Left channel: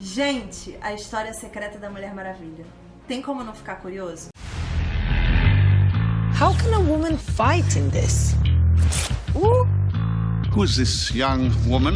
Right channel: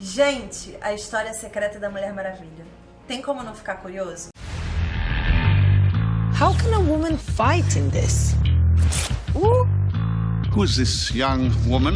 Gente, a história secreta da Mulher Maravilha. Tem como não ficar curioso? How can a woman fight in this? Who's this young woman?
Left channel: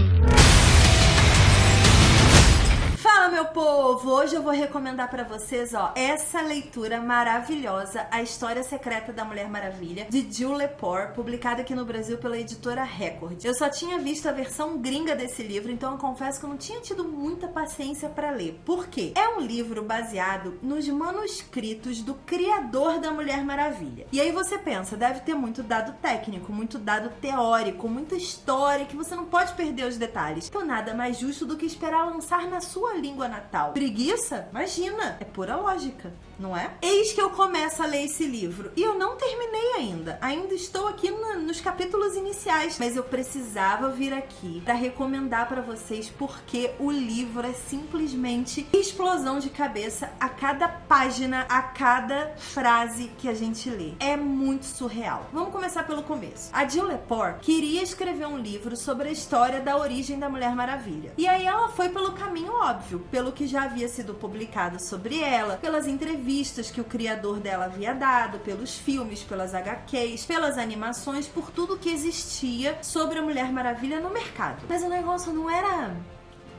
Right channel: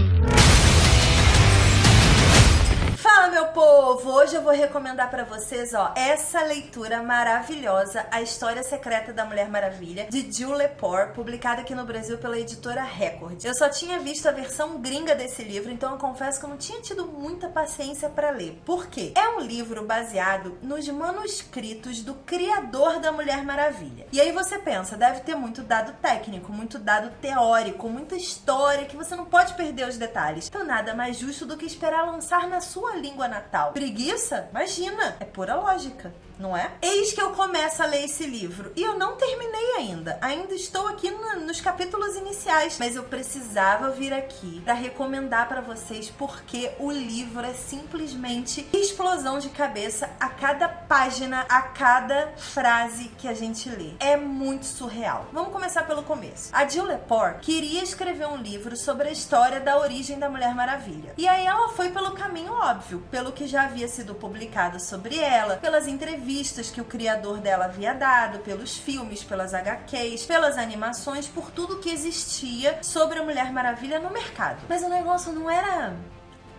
Fala, meu povo! Hoje eu vou recomendar pra vocês, essa leitura maravilhosa, A História Secreta da Mulher Maravilha, de Jill Lepore, publicada aqui no Brasil pela editora Record. Eu só tinha visto a versão gringa desse livro, então eu confesso que eu não tinha tido muita paciência pra ler. Por quê? É um livro baseado nos manuscritos do criador da Mulher Maravilha. E aí você pensa, deve ter muito dado técnico, muito dado teórico, muita história que você não pode perder os detalhes. Então nada mais justo do que esperar lançar na sua língua natal. Preguiça? Imagina! É pura lógica, não é? Eis que eu começo a ler esse livro e eu não terminei ainda. Ainda estou aqui nos capítulos iniciais, mas eu precisava vir aqui para recomendar para vocês porque o livro é simplesmente explosão de cabeça a cada página, a cada frase que a gente lê. É muito surreal. Vamos começar pelo começo. A Jill Lepore queria escrever um livro sobre a história da origem da Mulher Maravilha. E aí ela foi pelo caminho óbvio, pelo que já havia sido publicado sobre ela, pelas entrevistas que o criador dela havia dado, pelos filmes, pelas HQs, pelas animações, por tudo que existia sobre a Mulher Maravilha no mercado. Mas o negócio não era...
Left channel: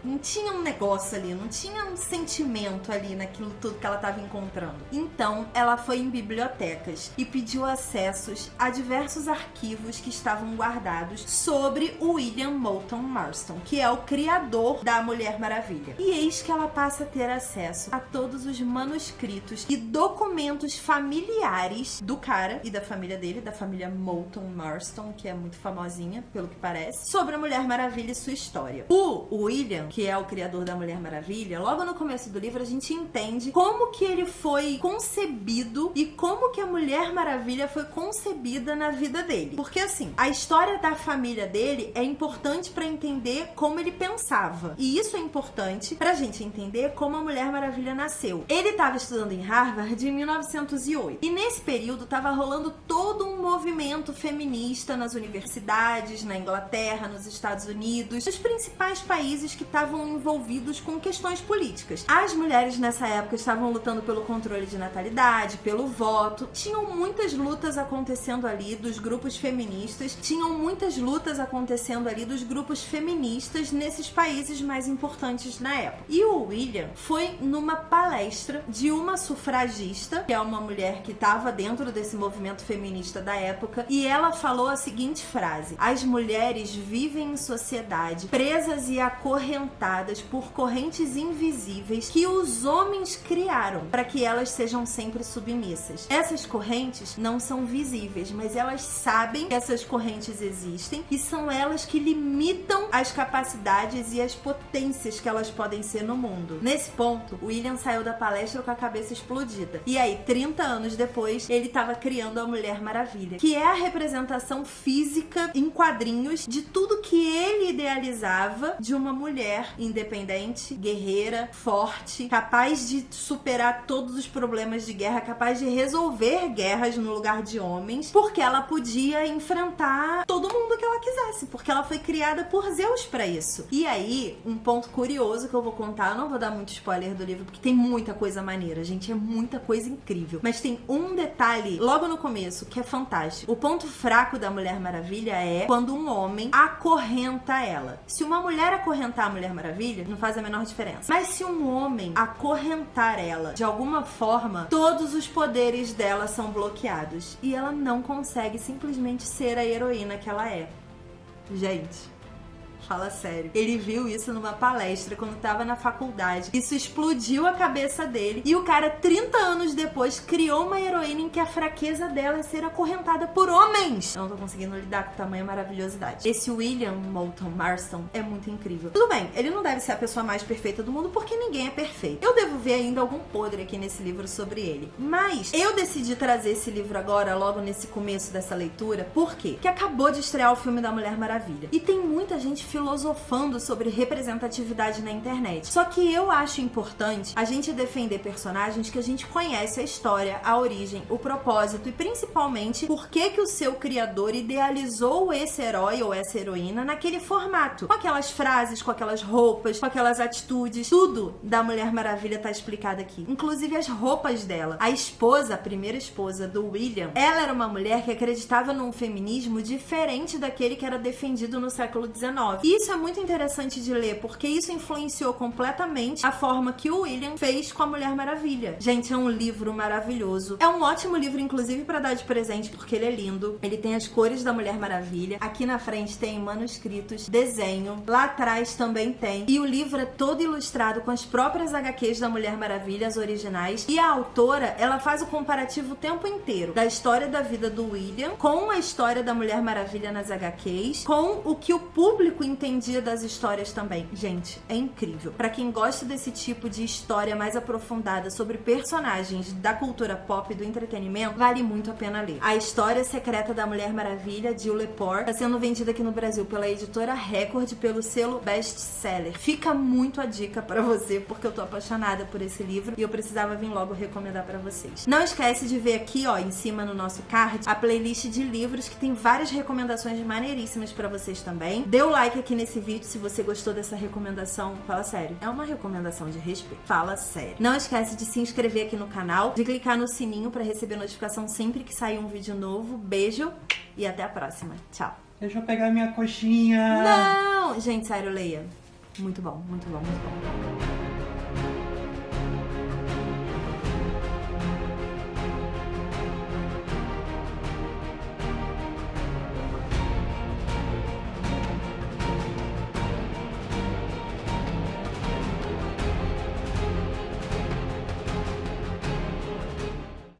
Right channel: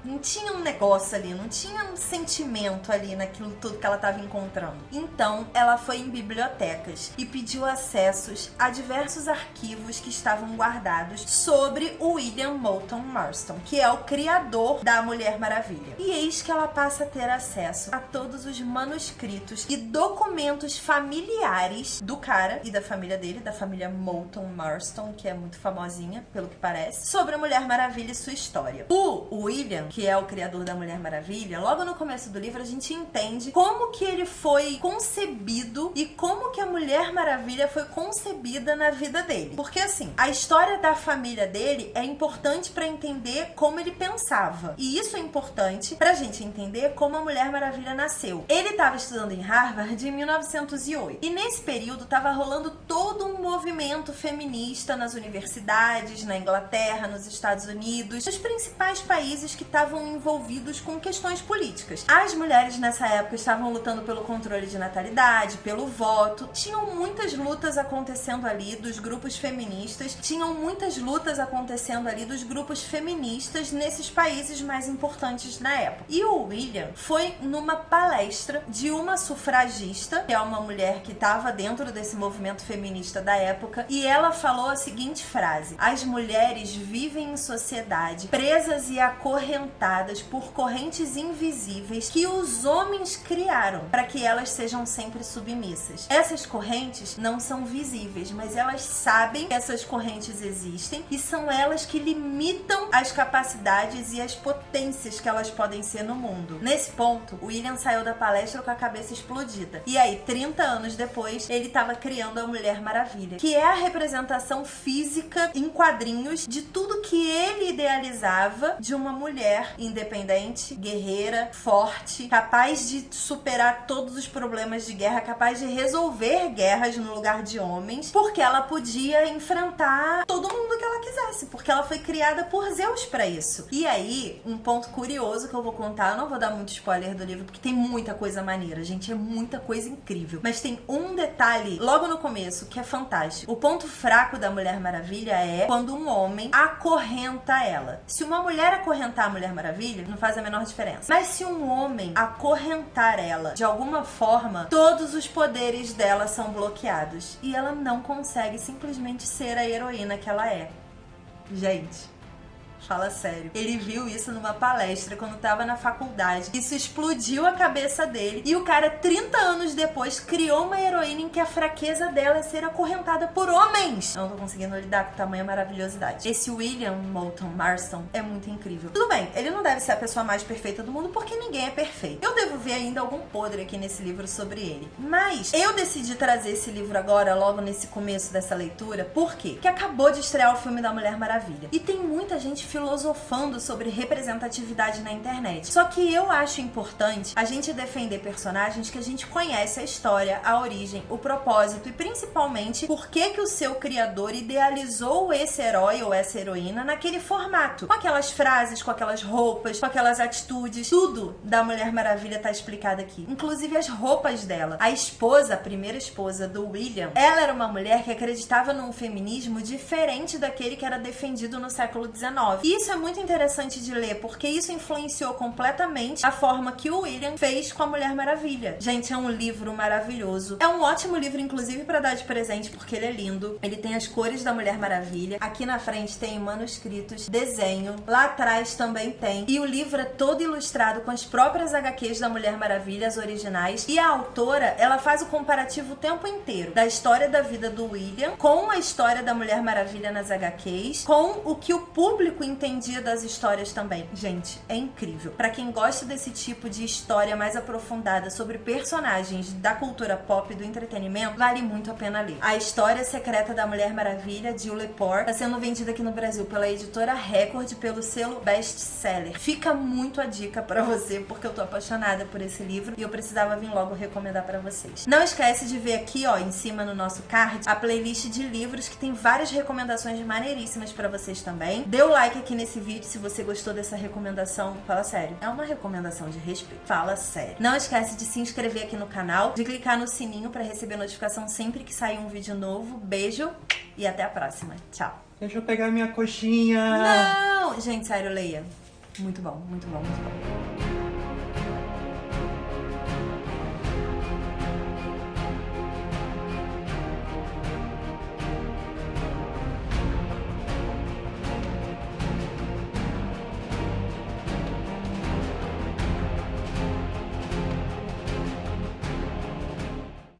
Não tinha um negócio ali, não tinha um sentimento ali naquilo tudo que ela estava encontrando. Então, ela foi em bibliotecas e pediu acessos a diversos arquivos que estavam guardados sobre o William Moulton Marston, que é o criador da Mulher Maravilha. E eis que ela passa a ter acesso a todos os manuscritos e documentos familiares do cara e da família dele, da família Moulton Marston, que é muito famosinha, pelo que parece, sobre a Mulher Maravilha e sua história. O William, que é o criador da Mulher Maravilha, logo no começo do livro a gente entende como que ele foi concebido e como que a Mulher Maravilha foi concebida na vida dele. Porque assim, a história da família dele é importante para entender como ele pensava. E isso é importante pra gente entender como a Mulher Maravilha nasceu. Ele estava estudando em Harvard em 1908. E nesse período estava rolando todo um movimento feminista nas universidades, na Inglaterra, nos Estados Unidos, nos principais países que estavam envolvidos com questões políticas. As mulheres nessa época estavam lutando pelo controle de natalidade, pelo voto. Tinham muitas lutas acontecendo ali dos grupos feministas, tinham muitas lutas acontecendo ali dos grupos feministas nesses países mais importantes na época. E o William foi numa palestra de uma sufragista, que é uma mulher que estava dentro desse movimento feminista da época, e ela falou a seguinte frase: as mulheres vivem em sociedade presas e acorrentadas por correntes invisíveis que os homens criaram para que elas sejam sempre submissas. Essas correntes não são visíveis, mas elas sabem que essas correntes existem e são elas que limitam as capacidades e as potências que elas podem ser no mundo. Nesse ponto, o William saiu da palestra com a cabeça explodida. E aí, 30 anos depois, ele estava criando a Mulher Maravilha, que é a representação física em quadrinhos de tudo que ele idealizava de uma mulher independente, guerreira, forte, capaz de superar todos os problemas de guerra, capaz de resolver guerras no lugar de homens, porque ela podia enfrentar todo mundo que ela quisesse, porque ela foi criada por Zeus pra isso. E aí, um ponto curioso que eu vou contar, eu não vou dar muito spoiler do livro, porque tem muita coisa maneira, gente, é muita coisa incrível, mas tem um detalhe logo no começo que é fantástico. O ponto fraco da Mulher Maravilha é quando um homem acorrenta ela. Se uma mulher acorrentar a Mulher Maravilha, não faz a menor diferença. Mas se um homem acorrentar ela de alguma forma, todos os poderes dela são bloqueados. E ela não consegue simplesmente ser a heroína que ela é. Gente, fala sério. Ele viu isso numa palestra quando tava na faculdade. Isso explodiu a cabeça dele. E o cara, 30 anos depois, criou uma heroína em que a fraqueza dela é ser acorrentada por homens. Eu não tô conseguindo lidar com tamanha maravilhosidade. Esse William Moulton Marston é muito incrível. Tudo bem, ele não deve ser a pessoa mais perfeita do mundo, porque ninguém é perfeito. Eu devo ver ainda algum podre aqui nesse livro sobre ele. Mas eu decidi trazer esse livro agora, logo nesse começo dessa leitura. Por quê? Porque acabou de estrear o filme da Mulher Maravilha. E tem muita gente filosofando sobre representatividade na internet. Só que eu acho importante a gente defender personagens que a gente conhece a história, a origem, o propósito e principalmente por que o seu criador idealizou esse herói ou essa heroína naquele formato. Com aquelas frases, com aquelas roupas, com aquelas atitudes, tudo da Mulher Maravilha tá explicado aqui. Inclusive as roupas dela. A esposa, a primeira esposa do William, ela era uma mulher que acreditava num feminismo diferente daquele que era defendido no século XIX. E isso é muito interessante de ler, porque isso influenciou completamente a forma que o William fez com a Mulher Maravilha. Gente, é um livro maravilhoso. É um ótimo livro, inclusive, pra dar de presente, porque ele é lindo. Ele tem as cores da Mulher Maravilha. Aqui na frente tem manuscritos, desenho. Lá atrás também tem. E o livro é todo ilustrado com as próprias HQs da Mulher Maravilha, as originais. E a autora, ela faz o comparativo o tempo inteiro da história da vida do William com a história da Mulher Maravilha nas HQs, com o que o público entendia das histórias também. Gente, é incrível. Pra quem gosta desse tipo de história mais aprofundada sobre personagens da cultura pop e do entretenimento, vale muito a pena ler. A História Secreta da Mulher Maravilha, de Jill Lepore, está sendo vendida aqui no Brasil pela editora Record pelo selo Best Seller. Fica muito a dica pra você, porque eu tô apaixonada por esse livro e eu precisava vir logo recomendar pra vocês. Não esquece de ver aqui, ó, em cima no nosso card, a playlist de livros que tem várias recomendações maneiríssimas pra vocês também. Dê o like aqui nesse vídeo se você gostou dessa recomendação. Fala sério, é uma recomendação de respeito. Fala sério. Não esquece de se inscrever aqui no canal, de clicar no sininho pra receber notificação sempre que sair um vídeo novo. Beijo e até a próxima. Tchau. Deixa eu pegar minha coxinha. Não! Gente, sério, leia. Muito bom, muito bom, muito bom.